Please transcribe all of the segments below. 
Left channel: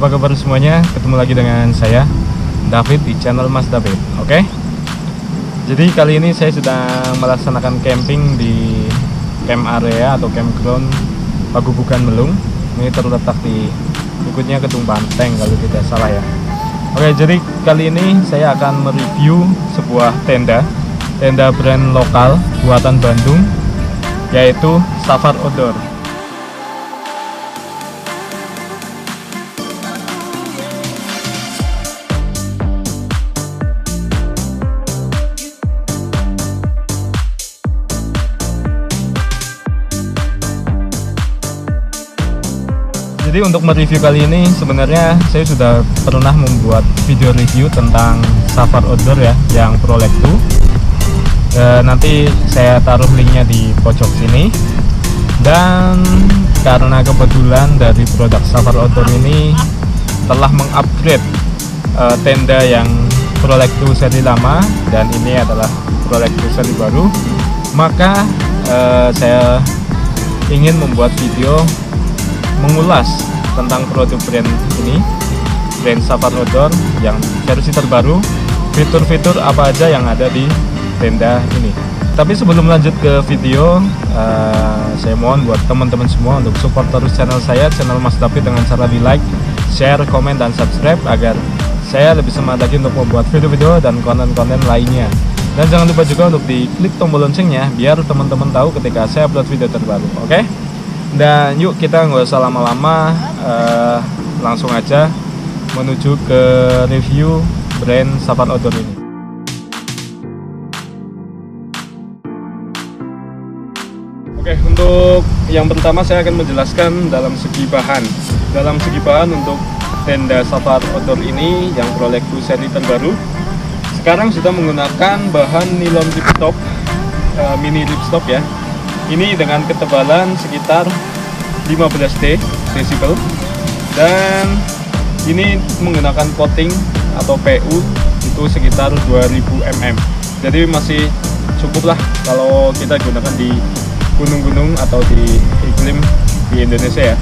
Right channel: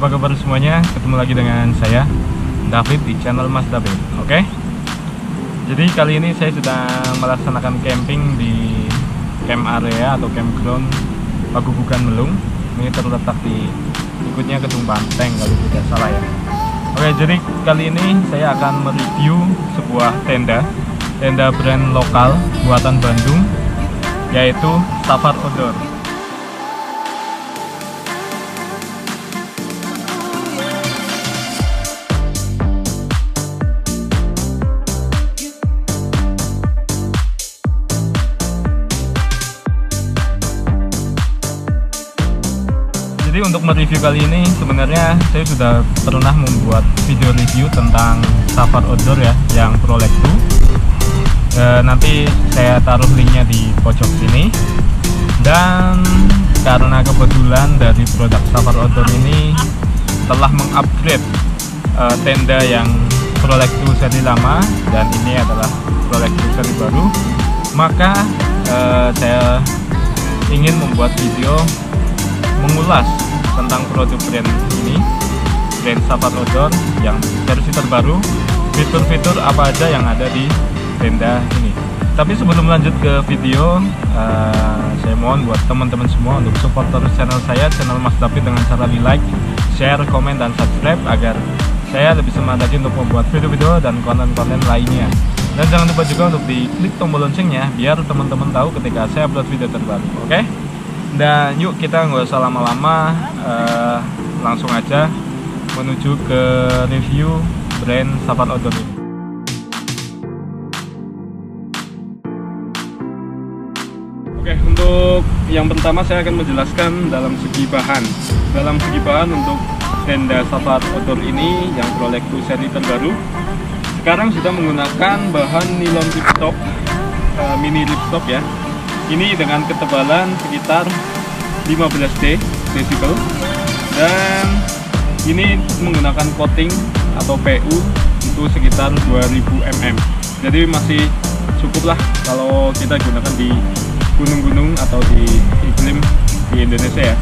apa kabar semuanya? Ketemu lagi dengan saya David di channel Mas David. Oke. Jadi kali ini saya sudah melaksanakan camping di camp area atau campground Pagubukan Melung. Ini terletak di ikutnya Kedung Banteng kalau tidak salah ya. Oke, jadi kali ini saya akan mereview sebuah tenda brand lokal buatan Bandung, yaitu Safar Outdoor. Jadi untuk mereview kali ini sebenarnya saya sudah pernah membuat video review tentang Safar Outdoor ya, yang Prolek 2. Nanti saya taruh linknya di pojok sini. Dan karena kebetulan dari produk Safar Outdoor ini telah mengupgrade tenda yang Prolek 2 seri lama dan ini adalah Prolek 2 seri baru, maka saya ingin membuat video mengulas tentang produk brand ini, brand Safar Outdoor yang versi terbaru, fitur-fitur apa aja yang ada di tenda ini. Tapi sebelum lanjut ke video, saya mohon buat teman-teman semua untuk support terus channel saya, channel Mas David, dengan cara di like, share, komen, dan subscribe agar saya lebih semangat lagi untuk membuat video-video dan konten-konten lainnya. Dan jangan lupa juga untuk diklik tombol loncengnya biar teman-teman tahu ketika saya upload video terbaru. Oke? Dan yuk kita nggak usah lama-lama, langsung aja menuju ke review brand Safar Outdoor ini. Oke, untuk yang pertama saya akan menjelaskan dalam segi bahan. Dalam segi bahan untuk tenda Safar Outdoor ini yang Prolek 2 seri terbaru, sekarang sudah menggunakan bahan nilon ripstop, mini ripstop ya. Ini dengan ketebalan sekitar 15 desibel dan ini menggunakan coating atau PU itu sekitar 2000 mm. Jadi masih cukup lah kalau kita gunakan di gunung-gunung atau di iklim di Indonesia ya.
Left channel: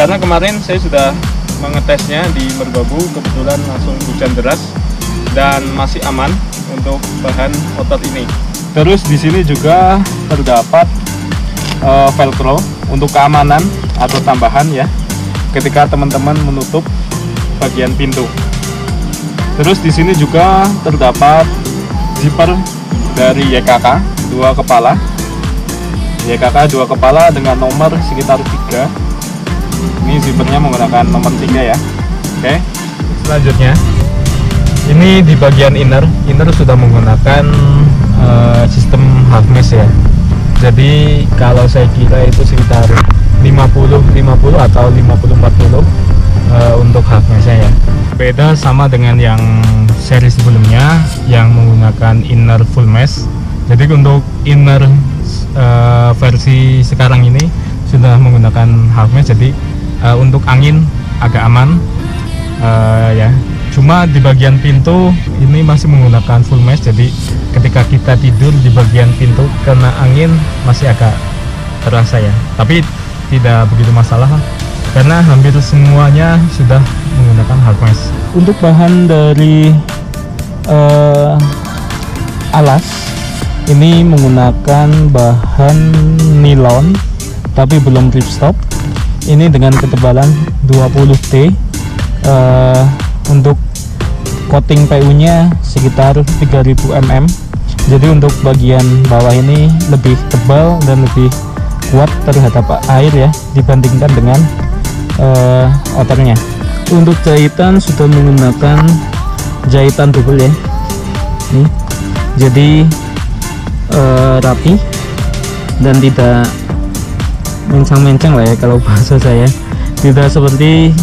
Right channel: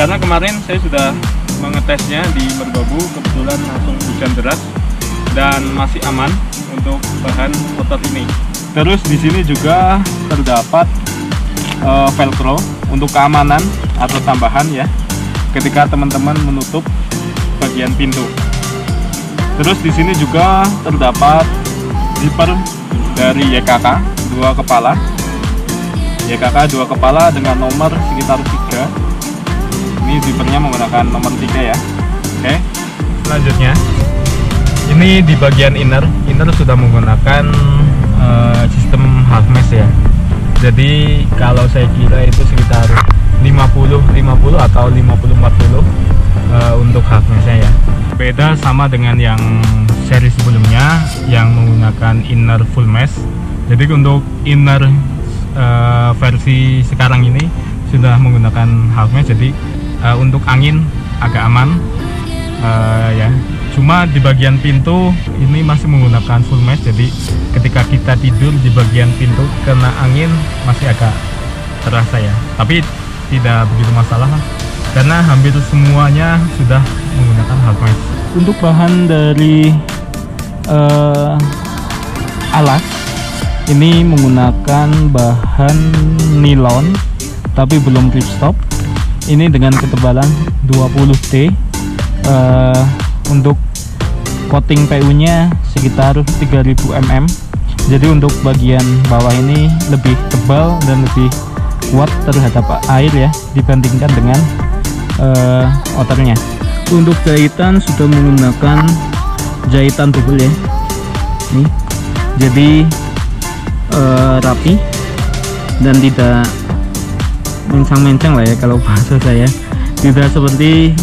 Karena kemarin saya sudah mengetesnya di Merbabu, kebetulan langsung hujan deras dan masih aman untuk bahan outer ini. Terus di sini juga terdapat velcro untuk keamanan atau tambahan ya ketika teman-teman menutup bagian pintu. Terus di sini juga terdapat zipper dari YKK 2 kepala. YKK 2 kepala dengan nomor sekitar 3. Ini zippernya menggunakan nomor 3 ya. Oke. Selanjutnya ini di bagian inner sudah menggunakan sistem harness ya. Jadi kalau saya kira itu sekitar 50-50 atau 50-40 untuk harnessnya ya. Beda sama dengan yang seri sebelumnya yang menggunakan inner full mesh. Jadi untuk inner versi sekarang ini sudah menggunakan harness, jadi untuk angin agak aman ya. Cuma di bagian pintu ini masih menggunakan full mesh, jadi ketika kita tidur di bagian pintu kena angin masih agak terasa ya. Tapi tidak begitu masalah karena hampir semuanya sudah menggunakan harness. Untuk bahan dari alas ini menggunakan bahan nilon tapi belum ripstop. Ini dengan ketebalan 20T. Untuk coating PU nya sekitar 3000 mm. Jadi untuk bagian bawah ini lebih tebal dan lebih kuat terhadap air ya dibandingkan dengan outernya. Untuk jahitan sudah menggunakan jahitan double ya. Nih, jadi rapi dan tidak mencang-mencang lah ya kalau bahasa saya. Tidak seperti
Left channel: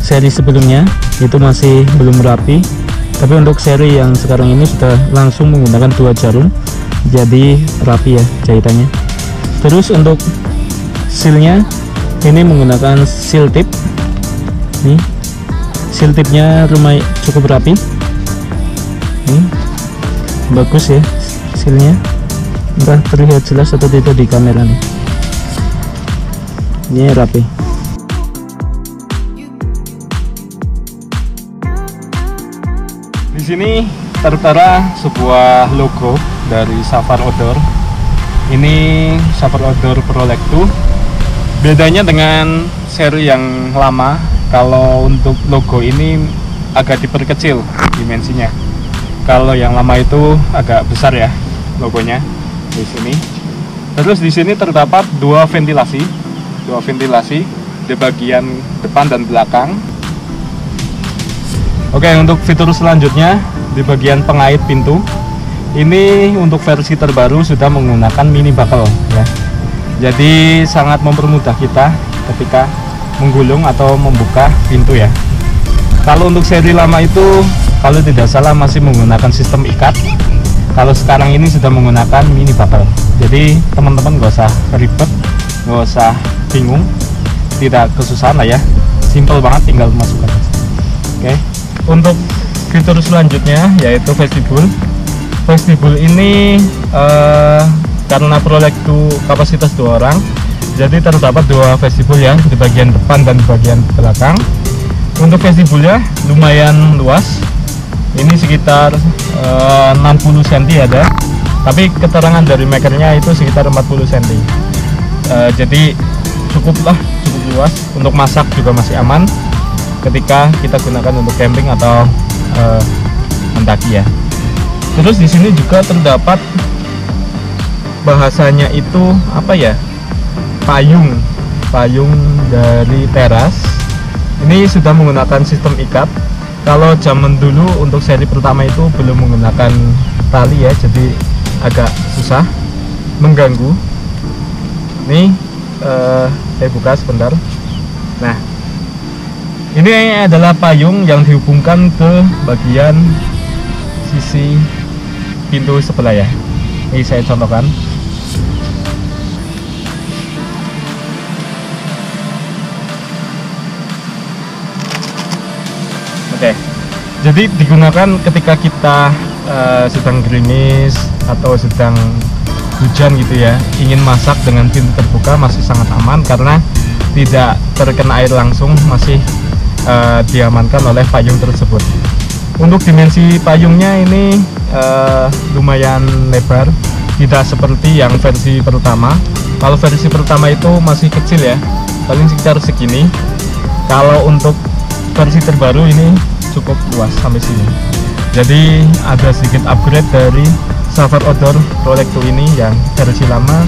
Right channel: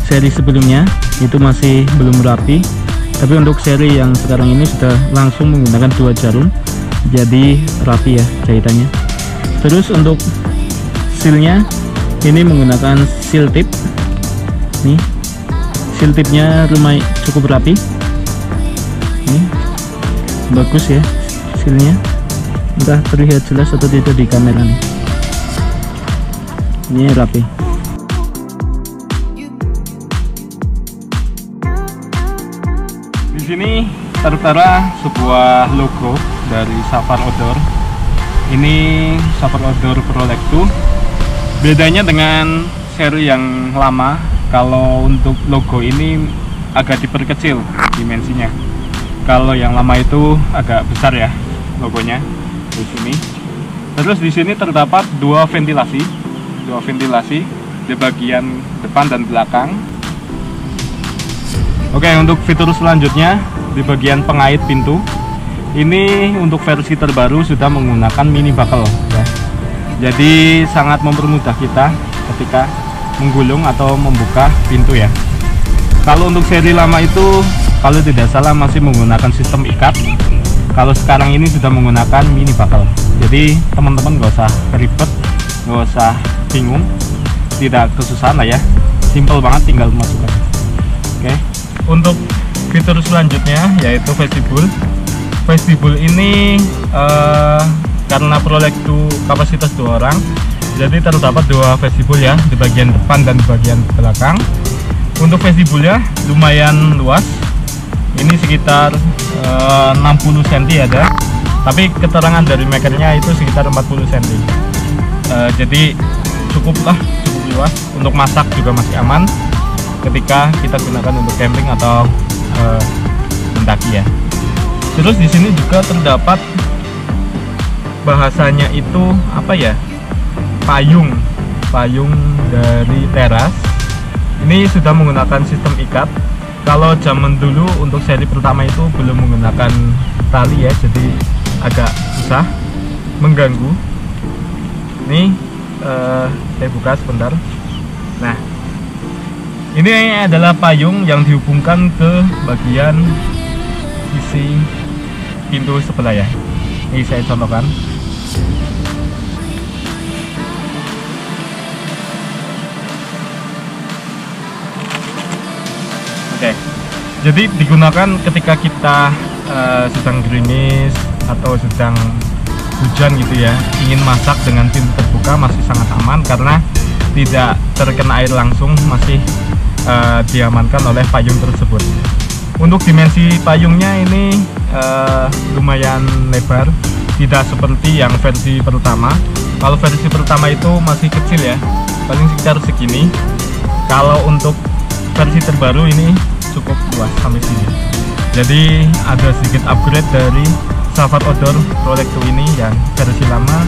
seri sebelumnya itu masih belum rapi, tapi untuk seri yang sekarang ini sudah langsung menggunakan 2 jarum, jadi rapi ya jahitannya. Terus untuk sealnya ini menggunakan seal tip. Nih, seal tipnya lumayan cukup rapi. Nih, bagus ya sealnya. Entah terlihat jelas atau tidak di kamera nih. Ini rapi. sini tertera sebuah logo dari Safar Outdoor. Ini Safar Outdoor Prolect 2. Bedanya dengan seri yang lama, kalau untuk logo ini agak diperkecil dimensinya. Kalau yang lama itu agak besar ya logonya di sini. Terus di sini terdapat dua ventilasi di bagian depan dan belakang. Oke, untuk fitur selanjutnya di bagian pengait pintu. Ini untuk versi terbaru sudah menggunakan mini buckle ya. Jadi sangat mempermudah kita ketika menggulung atau membuka pintu ya. Kalau untuk seri lama itu kalau tidak salah masih menggunakan sistem ikat. Kalau sekarang ini sudah menggunakan mini buckle. Jadi teman-teman gak usah ribet, gak usah bingung, tidak kesusahan lah ya. Simple banget, tinggal masukkan. Oke. Untuk fitur selanjutnya yaitu vestibul. Vestibul ini karena Prolect 2 kapasitas 2 orang, jadi terdapat dua vestibul ya, di bagian depan dan di bagian belakang. Untuk vestibulnya lumayan luas. Ini sekitar 60 cm ada, tapi keterangan dari makernya itu sekitar 40 cm. Jadi cukup luas, untuk masak juga masih aman ketika kita gunakan untuk camping atau mendaki ya. Terus di sini juga terdapat bahasanya itu apa ya, payung dari teras. Ini sudah menggunakan sistem ikat. Kalau zaman dulu untuk seri pertama itu belum menggunakan tali ya, jadi agak susah, mengganggu. Ini saya buka sebentar. Nah, ini adalah payung yang dihubungkan ke bagian sisi pintu sebelah ya. Ini saya contohkan. Oke. Jadi digunakan ketika kita sedang gerimis atau sedang hujan gitu ya, ingin masak dengan pintu terbuka masih sangat aman karena tidak terkena air langsung, masih diamankan oleh payung tersebut. Untuk dimensi payungnya ini lumayan lebar, tidak seperti yang versi pertama. Kalau versi pertama itu masih kecil ya, paling sekitar segini. Kalau untuk versi terbaru ini cukup luas sampai sini. Jadi ada sedikit upgrade dari Safar Outdoor Prolect 2 ini yang versi lama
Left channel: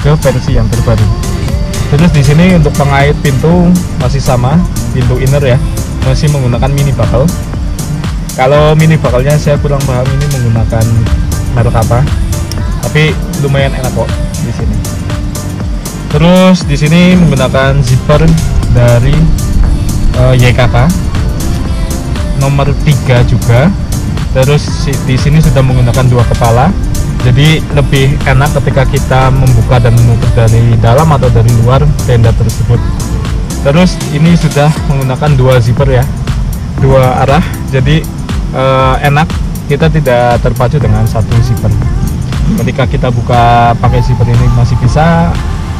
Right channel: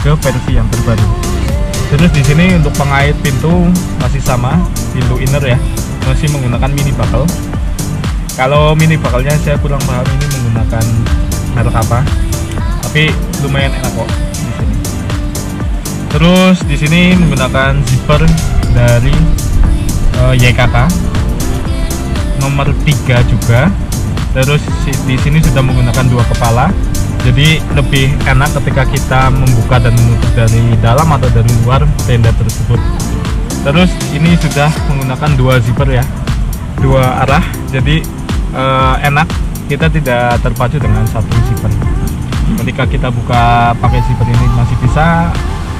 ke versi yang terbaru. Terus di sini untuk pengait pintu masih sama, pintu inner ya, masih menggunakan mini buckle. Kalau mini buckle-nya saya kurang paham ini menggunakan merek apa, tapi lumayan enak kok di sini. Terus di sini menggunakan zipper dari YKK nomor 3 juga. Terus di sini sudah menggunakan dua kepala, jadi lebih enak ketika kita membuka dan menutup dari dalam atau dari luar tenda tersebut. Terus ini sudah menggunakan dua zipper ya, dua arah, jadi enak, kita tidak terpacu dengan satu zipper. Ketika kita buka pakai zipper ini masih bisa,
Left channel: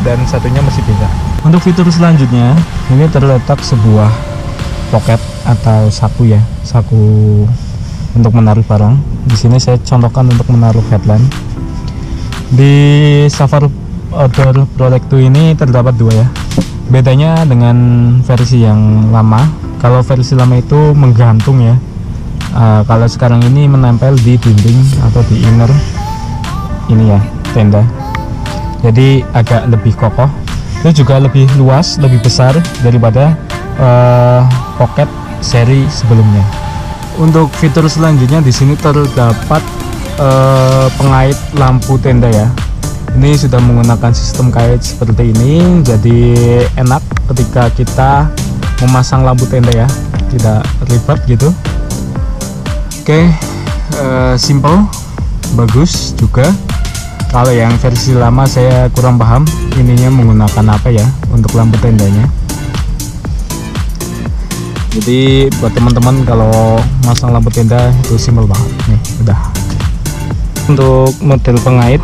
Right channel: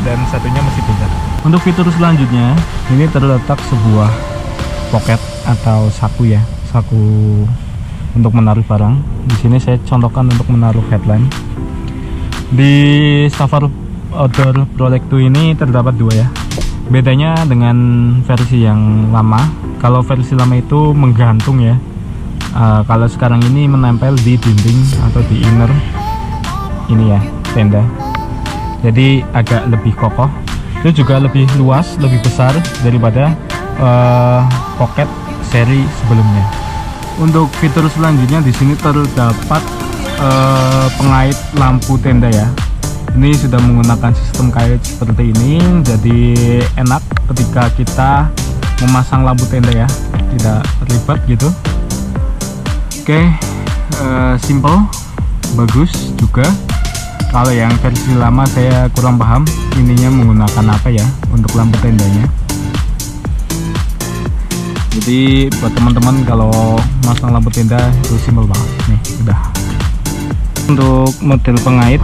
dan satunya masih tidak. Untuk fitur selanjutnya ini terletak sebuah pocket atau saku ya, saku untuk menaruh barang. Di sini saya contohkan untuk menaruh headlamp. Di Safar Outdoor Prolect 2 ini terdapat dua ya. Bedanya dengan versi yang lama, kalau versi lama itu menggantung ya. Kalau sekarang ini menempel di dinding atau di inner ini ya, tenda. Jadi agak lebih kokoh. Itu juga lebih luas, lebih besar daripada pocket seri sebelumnya. Untuk fitur selanjutnya di sini terdapat pengait lampu tenda ya. Ini sudah menggunakan sistem kait seperti ini, jadi enak ketika kita memasang lampu tenda ya, tidak ribet gitu. Oke, simple, bagus juga. Kalau yang versi lama saya kurang paham ininya menggunakan apa ya untuk lampu tendanya. Jadi buat teman-teman kalau masang lampu tenda itu simple banget. Nih udah. Untuk model pengait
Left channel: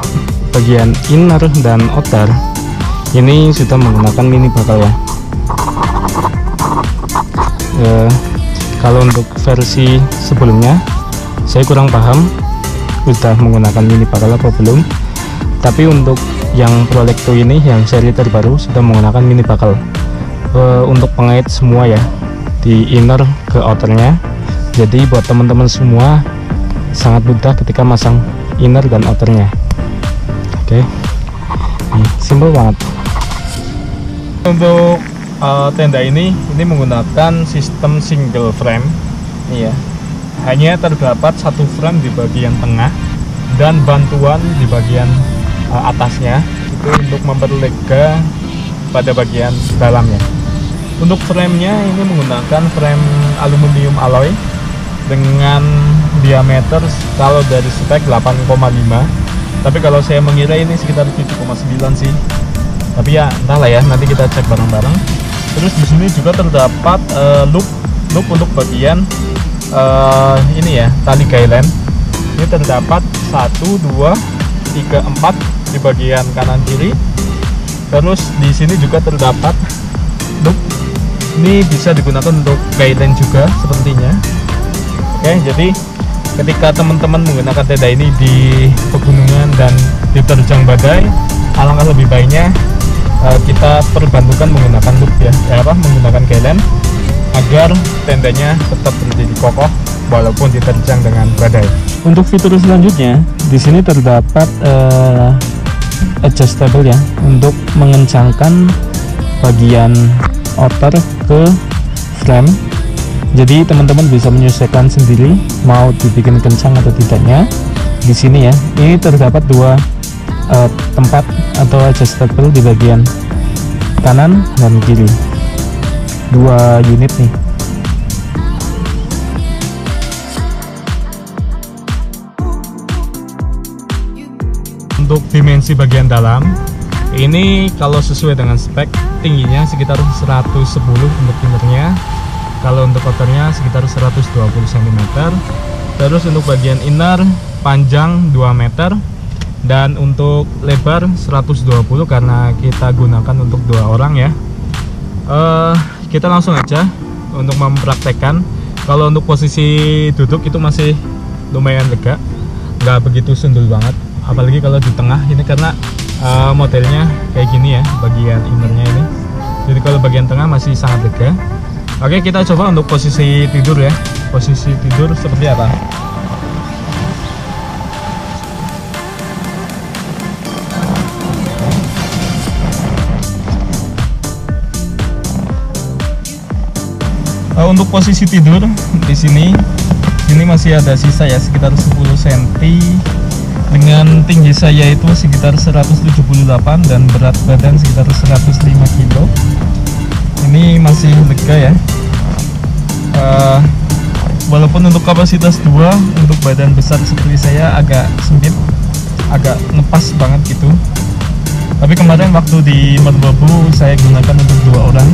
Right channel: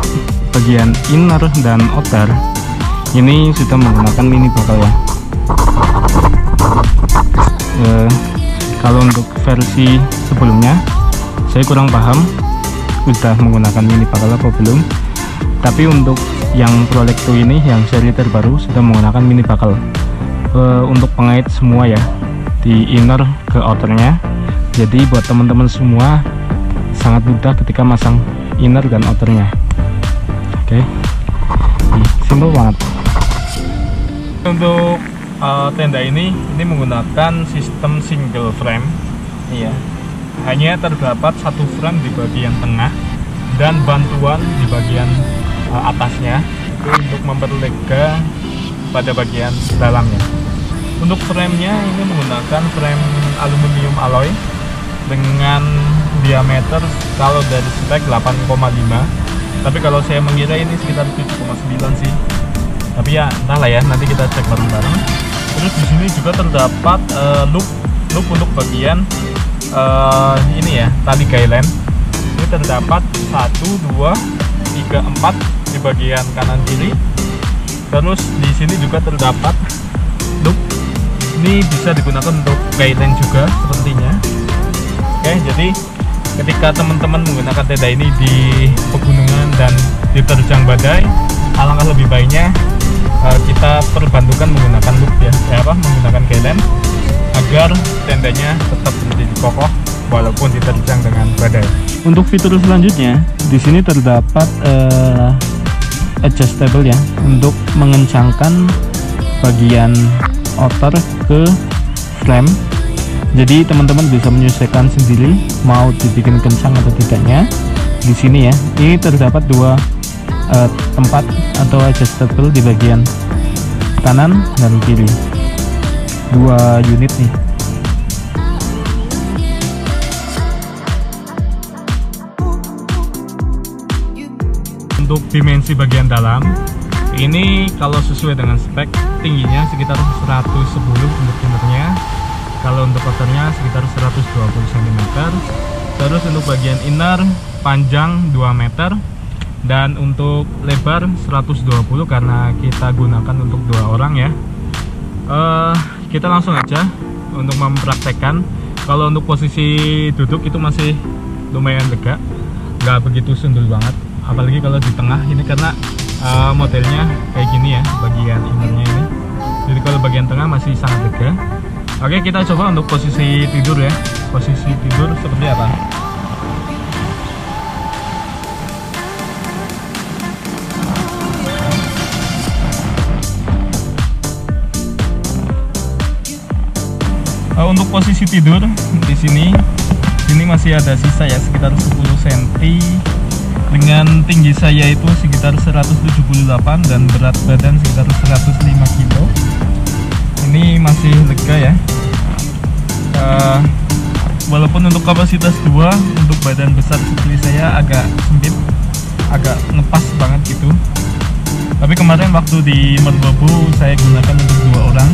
bagian inner dan outer ini sudah menggunakan mini buckle ya. Kalau untuk versi sebelumnya Saya kurang paham sudah menggunakan mini bakal atau belum, tapi untuk yang Prolecto ini yang seri terbaru sudah menggunakan mini bakal. Untuk pengait semua ya, di inner ke outernya. Jadi buat teman-teman semua sangat mudah ketika masang inner dan outernya. Oke, simpel banget. Untuk tenda ini menggunakan sistem single frame. Iya, hanya terdapat satu frame di bagian tengah dan bantuan di bagian atasnya itu untuk memperlega pada bagian dalamnya. Untuk framenya ini menggunakan frame aluminium alloy dengan diameter kalau dari spek 8,5, tapi kalau saya mengira ini sekitar 7,9 sih. Tapi ya entahlah ya, nanti kita cek bareng-bareng. Terus di sini juga terdapat loop untuk bagian ini ya, tali guideline. Ini terdapat 1, 2, 3, 4 di bagian kanan kiri. Terus di sini juga terdapat loop. Ini bisa digunakan untuk guideline juga sepertinya. Oke, jadi ketika teman-teman menggunakan tenda ini di pegunungan dan diterjang badai, alangkah lebih baiknya kita perbantukan menggunakan hook ya, menggunakan guideline agar tendanya tetap berdiri kokoh walaupun diterjang dengan badai. Untuk fitur selanjutnya, di sini terdapat adjustable ya, untuk mengencangkan bagian outer ke frame. Jadi teman-teman bisa menyesuaikan sendiri mau dibikin kencang atau tidaknya. Di sini ya, ini terdapat dua tempat atau adjustable di bagian kanan dan kiri, dua unit nih. Untuk dimensi bagian dalam ini kalau sesuai dengan spek, tingginya sekitar 110 untuk timbernya, kalau untuk covernya sekitar 120 cm. Terus untuk bagian inner panjang 2 meter dan untuk lebar 120 karena kita gunakan untuk 2 orang ya. Kita langsung aja untuk mempraktekkan. Kalau untuk posisi duduk itu masih lumayan lega, nggak begitu sundul banget, apalagi kalau di tengah ini karena modelnya kayak gini ya, bagian innernya ini. Jadi kalau bagian tengah masih sangat lega. Oke, kita coba untuk posisi tidur ya. Posisi tidur seperti apa? Untuk posisi tidur di sini masih ada sisa ya, sekitar 10 cm. Dengan tinggi saya itu sekitar 178 dan berat badan sekitar 105 kg. Ini masih lega ya. Walaupun untuk kapasitas 2, untuk badan besar seperti saya agak sempit, agak ngepas banget gitu. Tapi kemarin waktu di Merbabu saya gunakan untuk 2 orang,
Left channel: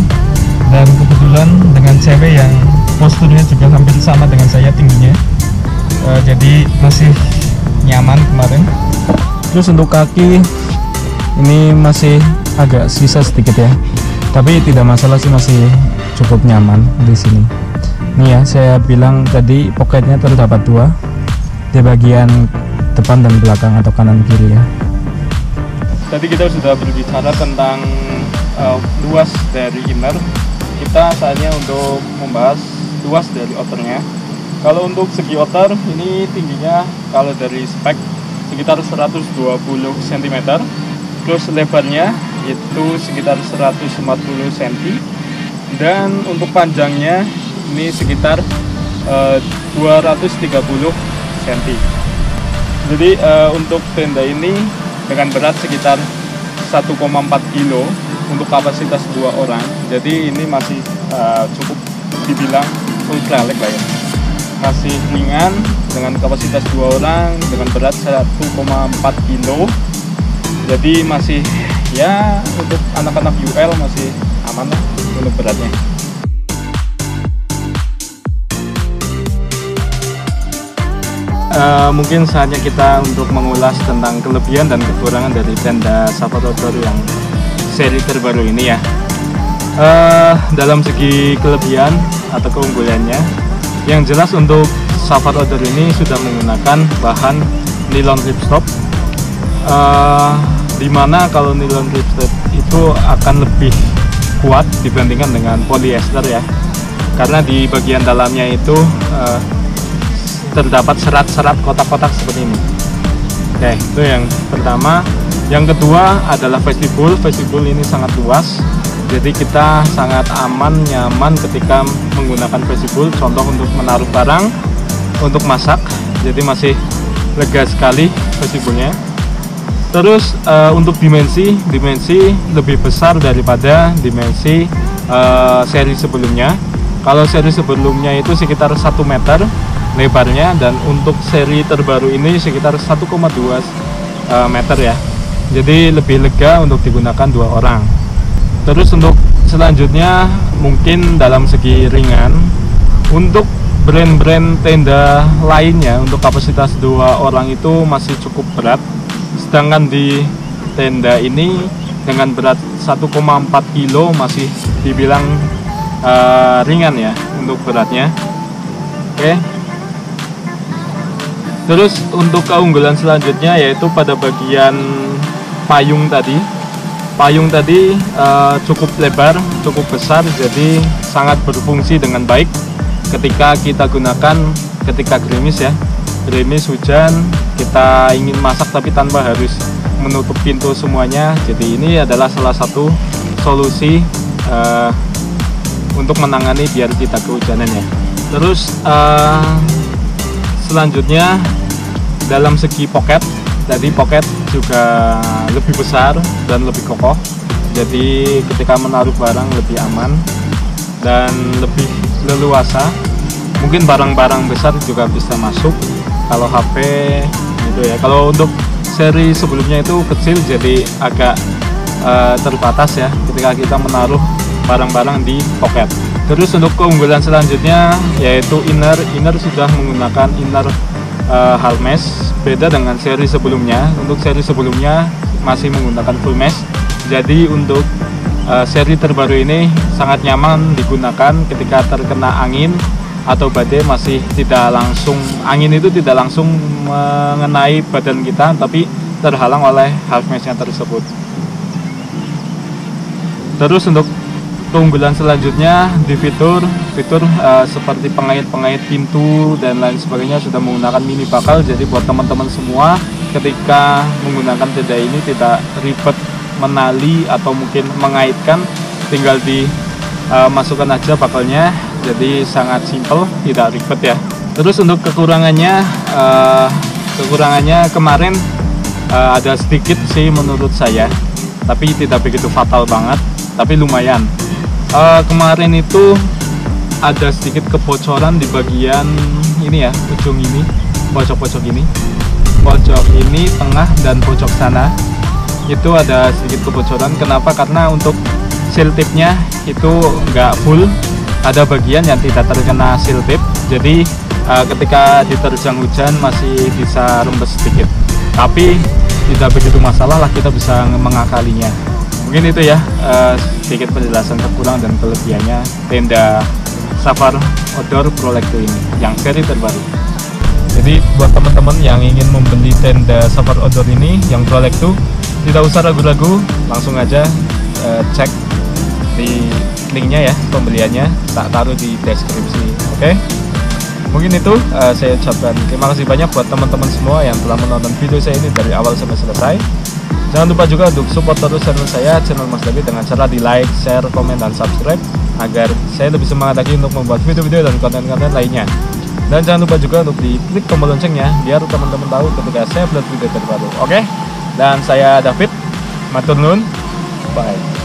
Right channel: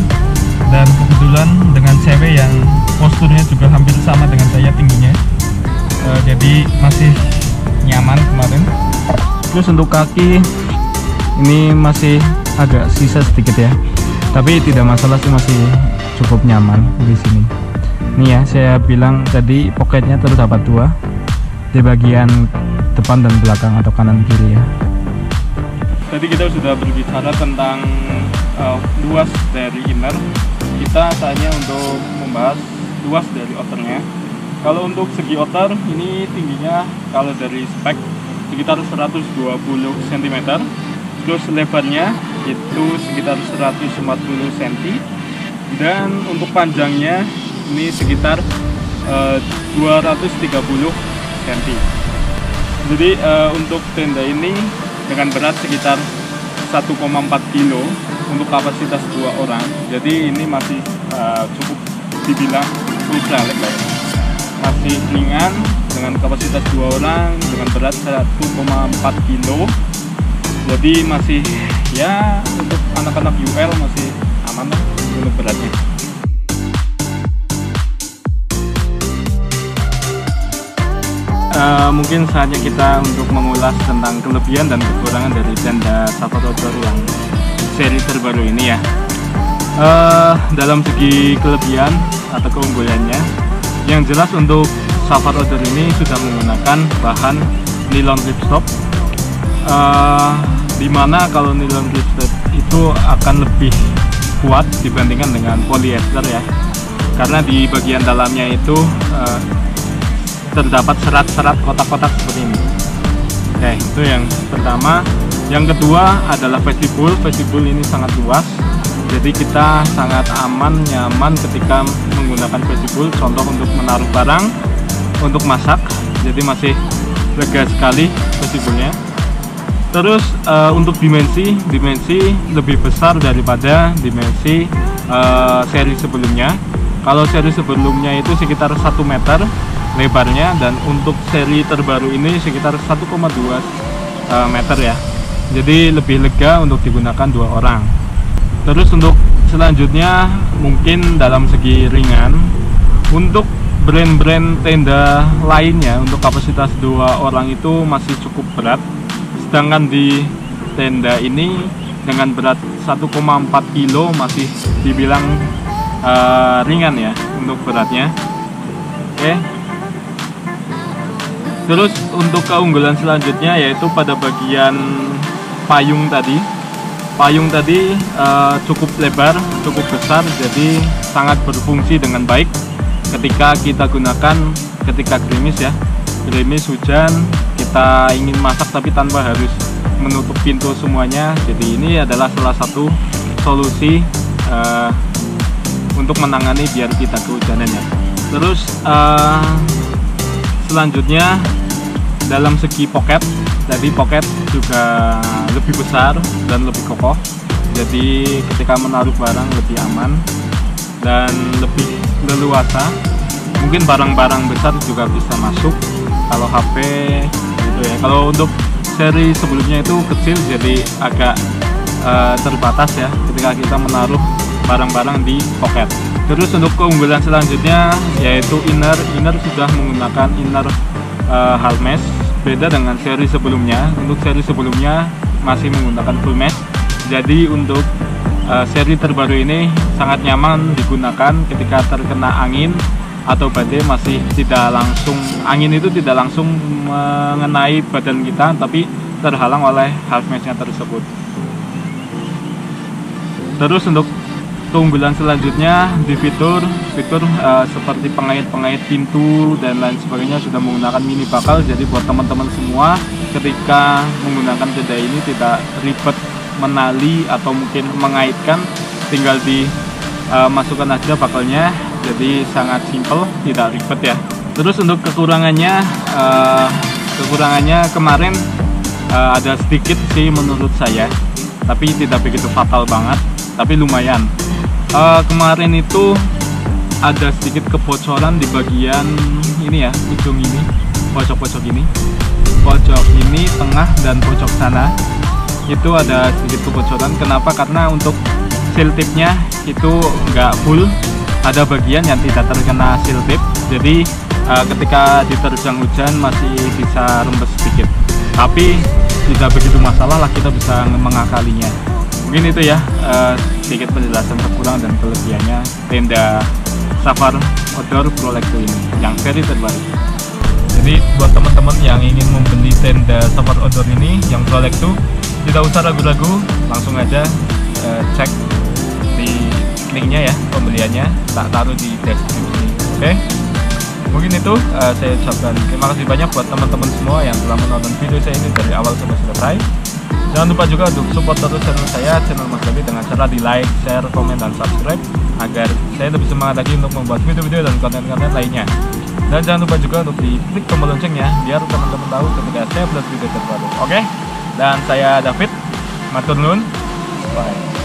dan kebetulan dengan cewek yang posturnya juga hampir sama dengan saya tingginya, jadi masih nyaman kemarin. Terus untuk kaki ini masih agak sisa sedikit ya, tapi tidak masalah sih, masih cukup nyaman di sini. Ini ya, saya bilang tadi poketnya terdapat 2 di bagian depan dan belakang atau kanan kiri ya. Tadi kita sudah berbicara tentang luas dari inner. Kita saatnya untuk membahas luas dari outernya. Kalau untuk segi outer ini tingginya kalau dari spek sekitar 120 cm, terus lebarnya itu sekitar 140 cm, dan untuk panjangnya ini sekitar 230 cm. Jadi untuk tenda ini dengan berat sekitar 1,4 kg untuk kapasitas 2 orang. Jadi ini masih cukup dibilang ultra lebar, masih ringan dengan kapasitas 2 orang dengan berat 1,4 kg. Jadi masih ya untuk anak-anak UL masih aman untuk beratnya. Mungkin saatnya kita untuk mengulas tentang kelebihan dan kekurangan dari tenda Sapatodo baru yang seri terbaru ini ya. Dalam segi kelebihan atau keunggulannya, yang jelas untuk Safari Outdoor ini sudah menggunakan bahan nilon ripstop, dimana kalau nilon ripstop itu akan lebih kuat dibandingkan dengan polyester ya, karena di bagian dalamnya itu terdapat serat-serat kotak-kotak seperti ini. Oke, itu yang pertama. Yang kedua adalah vestibul. Vestibul ini sangat luas, jadi kita sangat aman, nyaman ketika menggunakan vestibul. Contoh untuk menaruh barang, untuk masak, jadi masih lega sekali vestibulnya. Terus untuk dimensi lebih besar daripada dimensi seri sebelumnya. Kalau seri sebelumnya itu sekitar 1 meter lebarnya, dan untuk seri terbaru ini sekitar 1,2 meter ya. Jadi lebih lega untuk digunakan 2 orang. Terus untuk selanjutnya mungkin dalam segi ringan, untuk brand-brand tenda lainnya untuk kapasitas 2 orang itu masih cukup berat, sedangkan di tenda ini dengan berat 1,4 kilo masih dibilang ringan ya untuk beratnya. Oke. Terus untuk keunggulan selanjutnya yaitu pada bagian payung tadi. Payung tadi cukup lebar, cukup besar, jadi sangat berfungsi dengan baik ketika kita gunakan ketika gerimis ya. Gerimis, hujan, kita ingin masak tapi tanpa harus menutup pintu semuanya. Jadi ini adalah salah satu solusi untuk menangani biar kita kehujanan ya. Terus selanjutnya dalam segi pocket, jadi pocket juga lebih besar dan lebih kokoh, jadi ketika menaruh barang lebih aman dan lebih leluasa. Mungkin barang-barang besar juga bisa masuk, kalau HP gitu ya. Kalau untuk seri sebelumnya itu kecil, jadi agak terbatas ya ketika kita menaruh barang-barang di pocket. Terus untuk keunggulan selanjutnya yaitu inner sudah menggunakan inner hard mesh, beda dengan seri sebelumnya. Untuk seri sebelumnya masih menggunakan full mesh, jadi untuk seri terbaru ini sangat nyaman digunakan ketika terkena angin atau badai. Masih tidak langsung, angin itu tidak langsung mengenai badan kita, tapi terhalang oleh hard meshnya tersebut. Terus untuk keunggulan selanjutnya di fitur seperti pengait-pengait pintu dan lain sebagainya sudah menggunakan mini bakal. Jadi buat teman-teman semua ketika menggunakan tenda ini tidak ribet menali atau mungkin mengaitkan, tinggal dimasukkan aja bakalnya, jadi sangat simple, tidak ribet ya. Terus untuk kekurangannya kemarin ada sedikit sih menurut saya, tapi tidak begitu fatal banget, tapi lumayan. Kemarin itu ada sedikit kebocoran di bagian ini ya, ujung ini, pojok ini, tengah dan pojok sana itu ada sedikit kebocoran. Kenapa? Karena untuk seal tipnya itu nggak full, ada bagian yang tidak terkena seal tip, jadi ketika diterjang hujan masih bisa rembes sedikit, tapi tidak begitu masalah lah, kita bisa mengakalinya. Mungkin itu ya sedikit penjelasan kekurangan dan kelebihannya tenda Safari Outdoor Prolect ini yang seri terbaru. Jadi buat teman-teman yang ingin membeli tenda Safari Outdoor ini yang Prolect 2, tidak usah ragu-ragu, langsung aja cek di linknya ya, pembeliannya tak taruh di deskripsi. Oke, mungkin itu saya ucapkan terima kasih banyak buat teman-teman semua yang telah menonton video saya ini dari awal sampai selesai. Jangan lupa juga untuk support terus channel saya, channel Mas David, dengan cara di like, share, komen, dan subscribe agar saya lebih semangat lagi untuk membuat video-video dan konten-konten lainnya. Dan jangan lupa juga untuk diklik tombol loncengnya biar teman-teman tahu ketika saya upload video terbaru. Oke? Dan saya David, matur nuwun. Bye.